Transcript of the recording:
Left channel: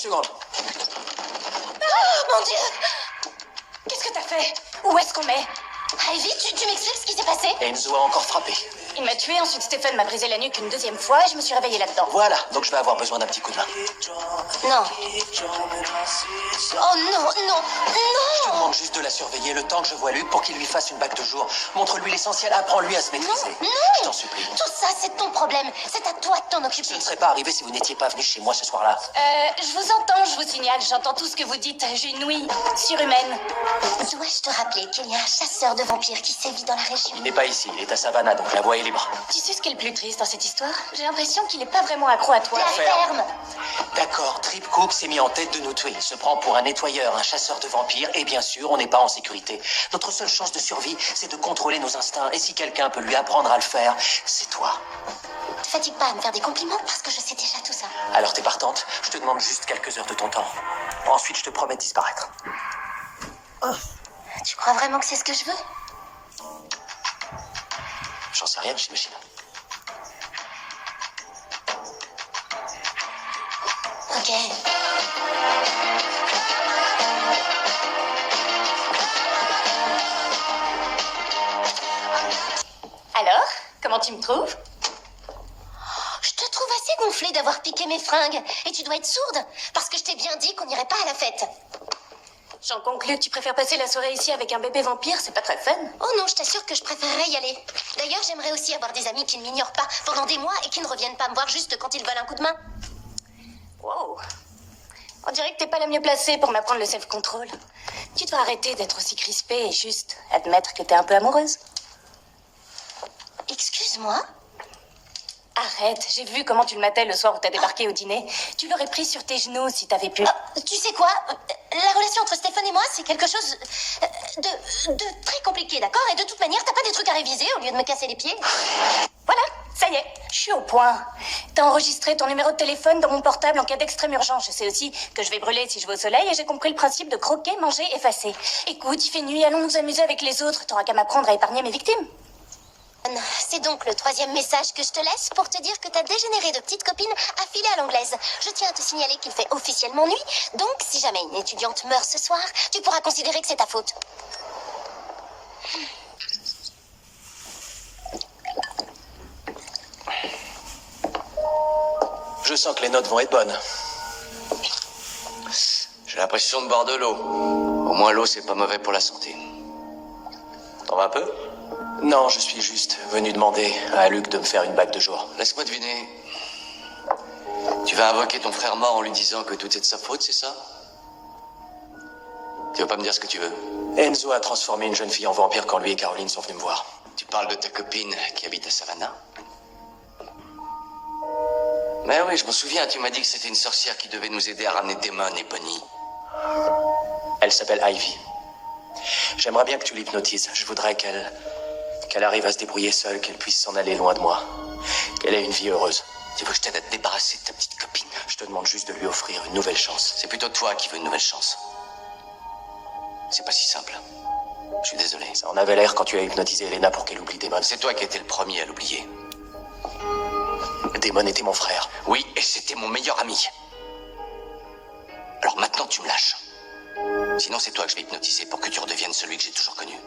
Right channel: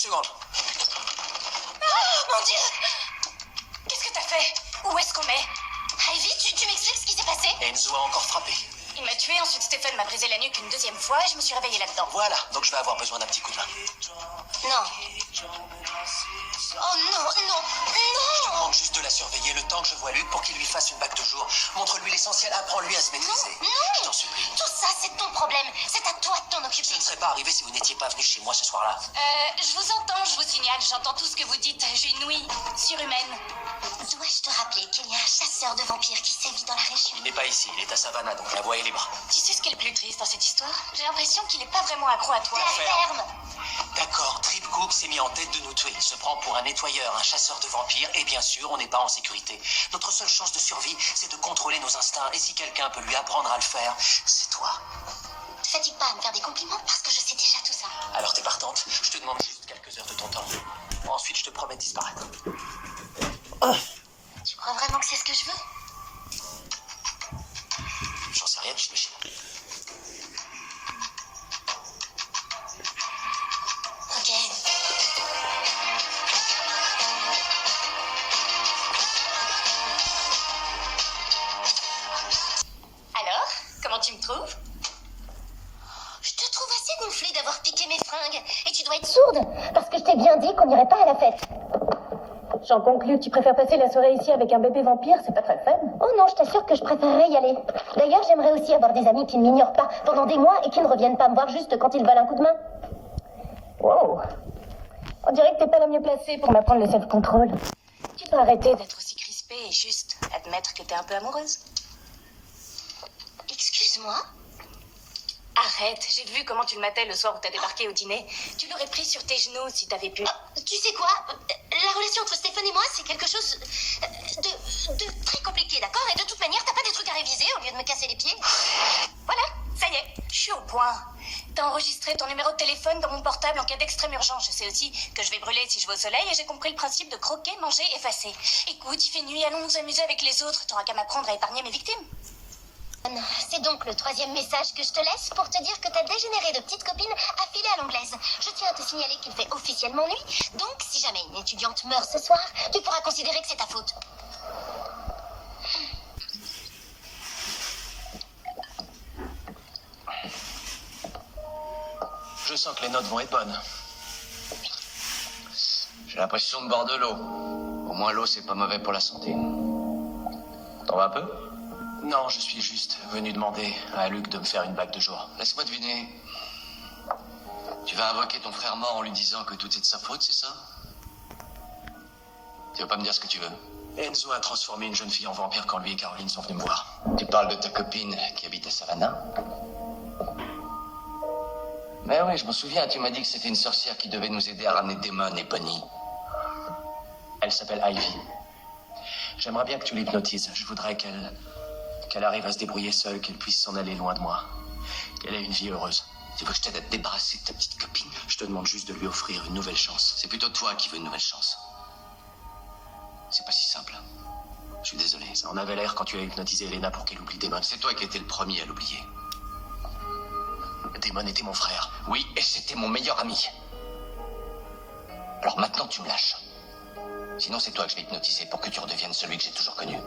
seconde. Oh, mon Dieu! Qu'est-ce que t'as fait? Où est-ce qu'on est? Ivy, tu m'expliques ce qui s'est passé? Enzo a encore frappé. Il m'a tué, ensuite Stéphane m'a brisé la nuque une deuxième fois et je me suis réveillée là-dedans. Voilà, donc je vais avoir besoin d'un petit coup de main. Non. Oh non, non, Je te non! demande juste de la surveiller le temps que je vois Luc pour qu'il lui fasse une bague de jour. Montre-lui l'essentiel, apprends-lui à se maîtriser. Non! Je t'en supplie. Tout ça, c'est ton problème. C'est à toi de t'en Je occuper. ne serais pas arrivé si vous n'étiez pas venu chez moi ce soir-là. Je vous entends, je vous signale, j'entends tout ce que vous dites. J'ai une ouïe surhumaine. Dois-je te rappeler qu'il y a un chasseur de vampires qui sévit dans la région? Il n'est pas ici, il est à Savannah, donc la voie est libre. Tu sais ce qui est le plus triste dans cette histoire? J'ai l'impression qu'il n'est pas vraiment accro à toi. La Ferme. ferme! D'accord, Trip Cook s'est mis en tête de nous tuer. Il se prend pour un nettoyeur, un chasseur de vampires, et bien sûr, on n'est pas en sécurité. Notre seule chance de survie, c'est de contrôler nos instincts, et si quelqu'un peut lui apprendre à le faire, c'est toi. Ne te fatigue pas à me faire des compliments parce que je sais déjà tout ça. Alors t'es partante? Je te demande juste quelques heures de ton temps. Ensuite, je te promets de disparaître. Tu crois vraiment que c'est ce que je veux? J'en sais rien, j'imagine. Ok. Alors, comment tu me trouves? Je te trouve assez gonflée d'avoir piqué mes fringues. Et tu dois être sourde, parce que je t'ai bien dit qu'on n'irait pas à la fête. J'en conclus que tu préfères passer la soirée ici avec un bébé vampire, c'est pas très fun. Oh non, je t'assure que je préférerais y aller. D'ailleurs, j'aimerais aussi avoir des amis qui ne m'ignorent pas pendant des mois et qui ne reviennent pas me voir juste quand ils veulent un coup de main. Wow. On dirait que t'es pas la mieux placée pour m'apprendre le self-control. Tu dois arrêter d'être aussi crispée et juste admettre que t'es un peu amoureuse. Excuse-moi? Arrête, j'ai vu comment tu le matais le soir où t'as débarqué au dîner. Tu l'aurais pris sur tes genoux si t'avais pu. Tu sais quoi? La relation entre Stéphane et moi, c'est quelque chose de très compliqué, d'accord? Et de toute manière, t'as pas des trucs à réviser au lieu de me casser les pieds? Voilà, ça y est, je suis au point. T'as enregistré ton numéro de téléphone dans mon portable en cas d'extrême urgence. Je sais aussi que je vais brûler si je vais au soleil et j'ai compris le principe de croquer, manger, effacer. Écoute, il fait nuit, allons nous amuser avec les autres. T'auras qu'à m'apprendre à épargner mes victimes. C'est donc le troisième message que je te laisse pour te dire que ta dégénérée de petite copine a filé à l'anglaise. Je tiens à te signaler qu'il fait officiellement nuit, donc si jamais une étudiante meurt ce soir, tu pourras considérer que c'est ta faute. Je sens que les notes vont être bonnes. J'ai l'impression de boire de l'eau. Au moins l'eau, c'est pas mauvais pour la santé. T'en vas un peu? Non, je suis juste venu demander à Luc de me faire une bague de jour. Laisse-moi deviner. Tu vas invoquer ton frère mort en lui disant que tout est de sa faute, c'est ça? Tu vas pas me dire ce que tu veux? Enzo a transformé une jeune fille en vampire quand lui et Caroline sont venus me voir. Tu parles de ta copine qui habite à Savannah? Mais oui, je m'en souviens, tu m'as dit que c'était une sorcière qui devait nous aider à ramener Damon et Bonnie. Elle s'appelle Ivy. J'aimerais bien que tu l'hypnotises. Je voudrais qu'elle arrive à se débrouiller seule, qu'elle puisse s'en aller loin de moi. Qu'elle ait une vie heureuse. Tu veux que je t'aide à te débarrasser de ta petite copine? Je te demande juste de lui offrir une nouvelle chance. C'est plutôt toi qui veux une nouvelle chance. C'est pas si simple. Je suis désolé. Ça en avait l'air quand tu as hypnotisé Elena pour qu'elle oublie Damon. C'est toi qui étais le premier à l'oublier. Damon était mon frère. Oui, et c'était mon meilleur ami. Alors maintenant, tu me lâches. Sinon, c'est toi que je vais hypnotiser pour que tu redeviennes celui que j'ai toujours connu.